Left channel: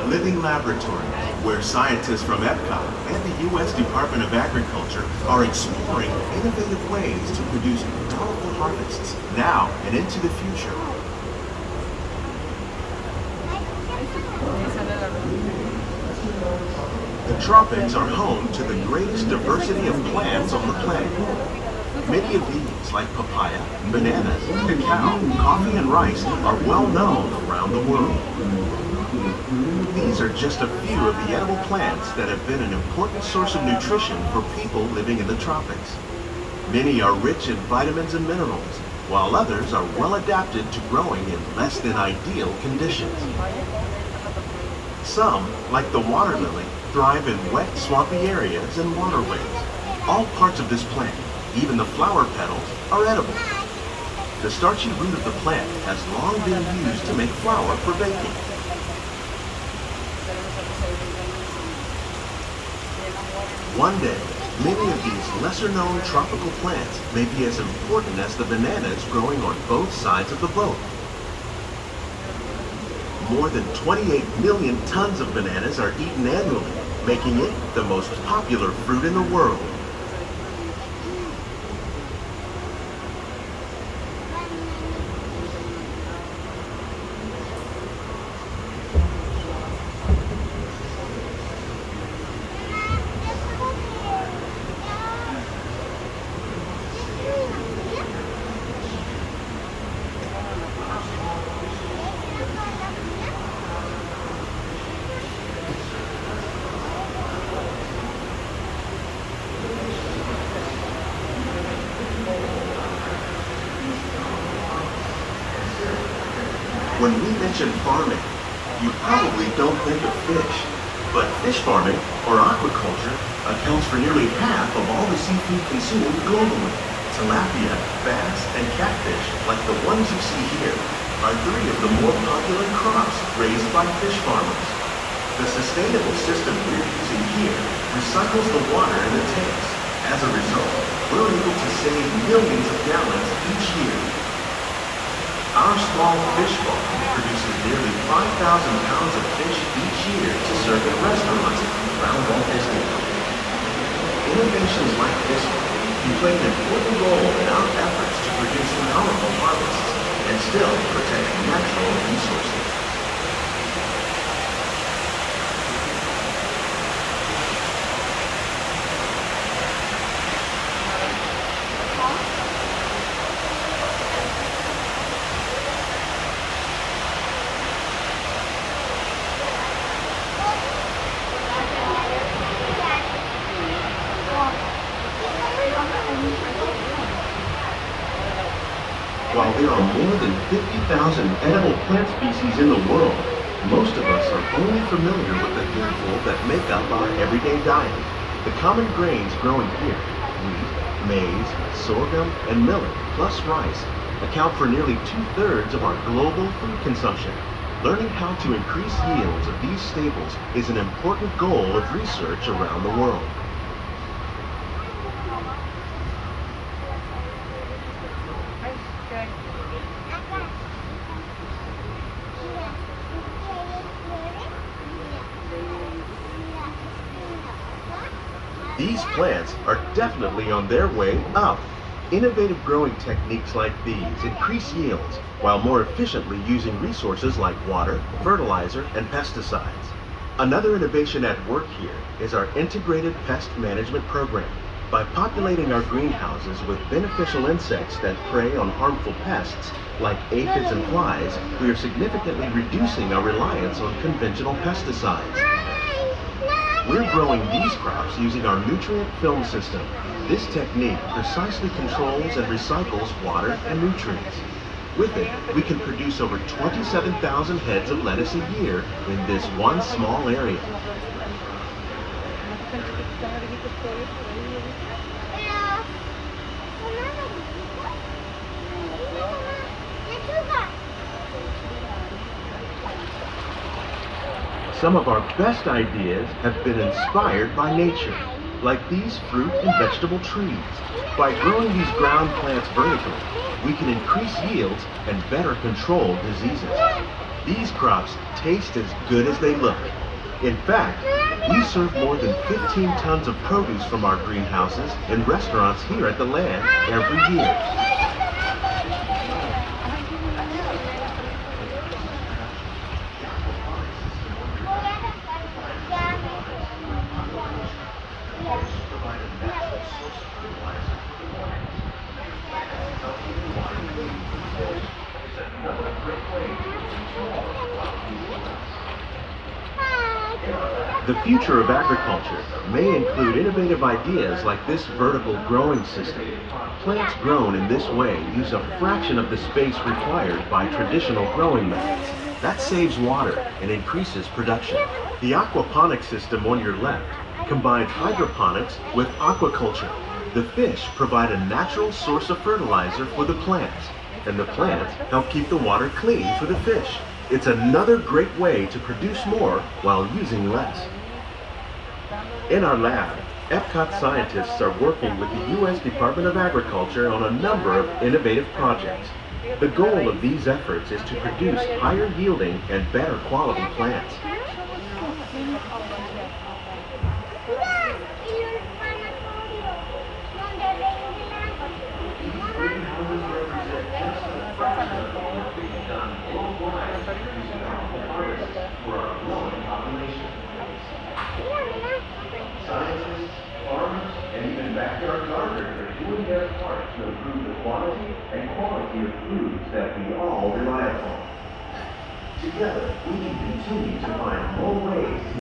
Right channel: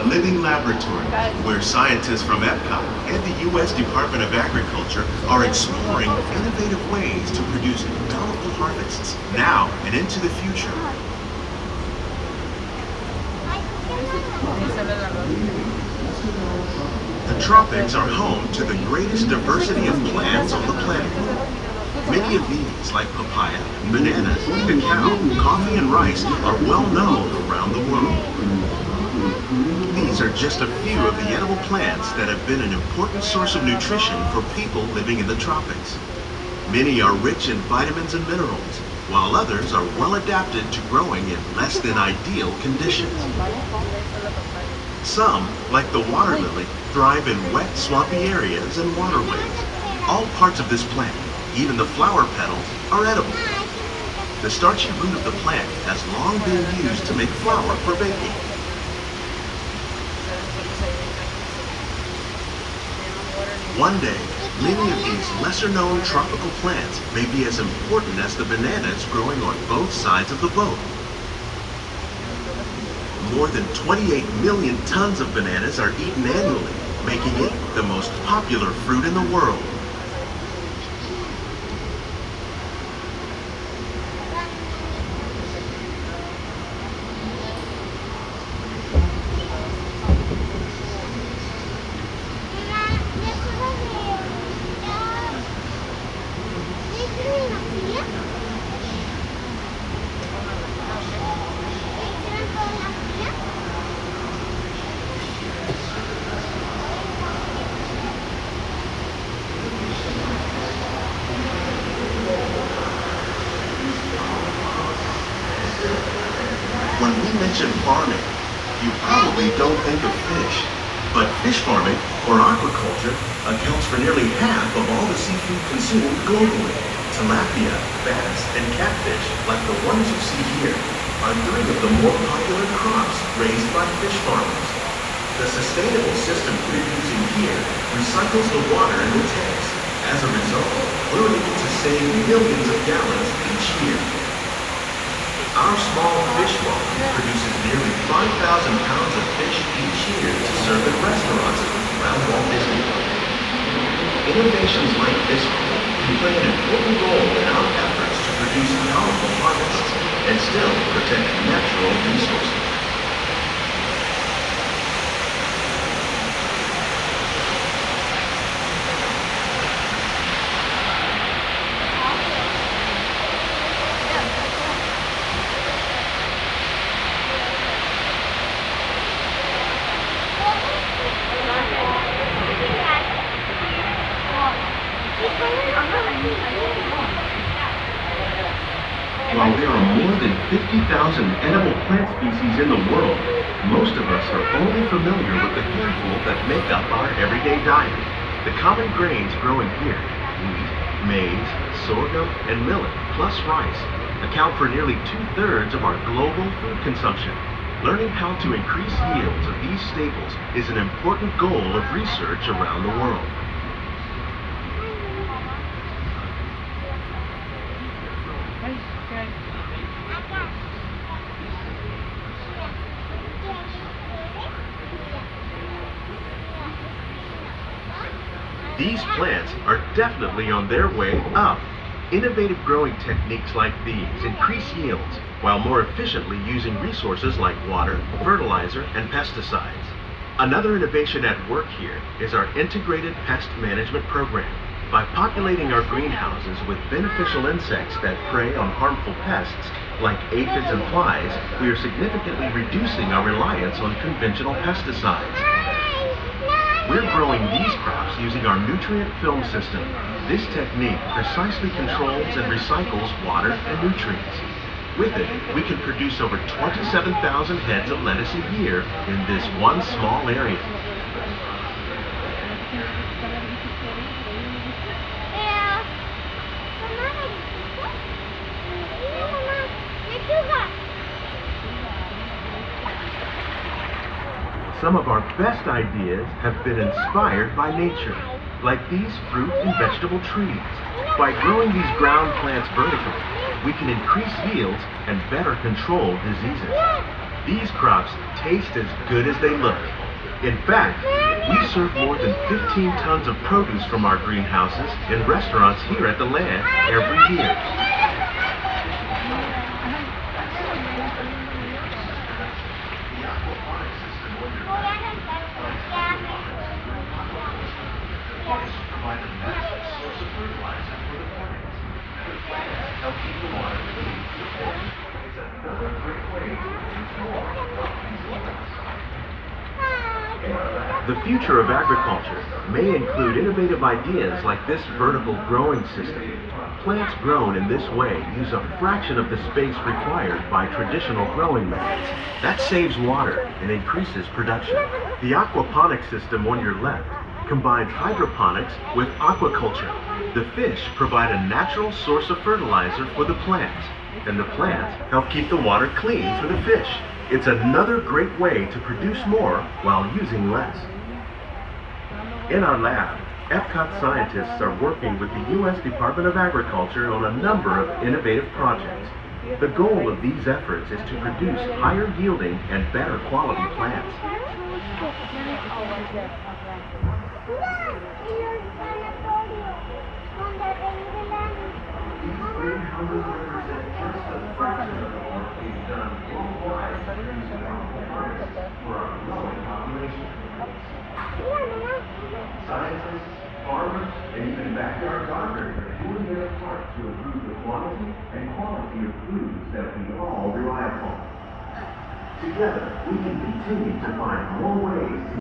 a living laboratory where scientists from Epcot and the U.S. Department of Agriculture are exploring innovative ways to produce bountiful harvests now and into the future. The tropics are home to the greatest diversity of plants on the planet. Many of these, like papaya, bananas, cacao, coffee, and rice, are well known around the world. These are just a few of the edible plants that have been an important source of nutrition for people living in the tropics. Many are rich in vitamins and minerals, while others are well adapted to growing in less than ideal conditions. Some, like the water lily, thrive in wet, swampy areas and waterways. All parts of this plant, even the flower petals, are edible. The starchy root of the plant has long been used to make flour for baking. One day, many of these lesser-known tropical plants may be as important as the bananas growing on both sides of the boat. More than 28 million tons of bananas are eaten annually, making it the most popular fruit in the world. When we mention farming, you probably don't think of fish, but fish farming, or aquaculture, accounts for nearly half of all the seafood consumed globally. Tilapia, bass, and catfish, like the ones you see here, are three of the more popular crops raised by fish farmers. The sustainable system we're using here recycles the water in the tanks. As a result, we're able to save millions of gallons each year. Our small fish farm produces nearly 5,000 pounds of fish each year to serve at restaurants around Walt Disney. Innovations like this one can play an important role in our efforts to produce powerful harvests and still protect natural resources. While there are more than 50,000 edible plant species in the world, most of us are only familiar with the handful that make up our everyday diet. The common grains grown here, wheat, maize, sorghum, and millet, plus rice, account for nearly 2/3 of our global food consumption. Learning how to increase yields of these staples is an important goal of research around the world. These plants are definitely on their way up. Innovative growing techniques like these increase yields while more efficiently using resources like water, fertilizer, and pesticides. Another innovation at work here is our integrated pest management program. By populating our greenhouses with beneficial insects that prey on harmful pests, like aphids and flies, we are significantly reducing our reliance on conventional pesticides. We're growing these crops using our nutrient film system. This technique precisely controls and recycles water and nutrients. With it, we can produce over 27,000 heads of lettuce a year in this one small area. Some of our best ideas have been inspired by nature, like these fruit and vegetable trees. By growing these ground plants vertically, we can increase yields and better control diseases. These crops taste as good as they look. In fact, we serve more than 15 tons of produce from our greenhouses in restaurants here at the land every year. The future of agriculture may include innovative ideas like this vertical growing system. Plants grown in this way use a fraction of the space required by traditional growing methods. That saves water and increases production. The aquaponics system on your left combines hydroponics with aquaculture. The fish provide a natural source of fertilizer for the plants, and the plants help keep the water clean for the fish. It's another great way to produce more while using less. In our lab, Epcot scientists are working with the U.S. Department of Agriculture on a number of innovative projects. The goal of these efforts is to produce higher yielding and better quality plants. Scientists, farmers, and even backyard gardeners are doing their part to improve the quantity and quality of foods that we all rely upon. Together, we can continue to find more ways to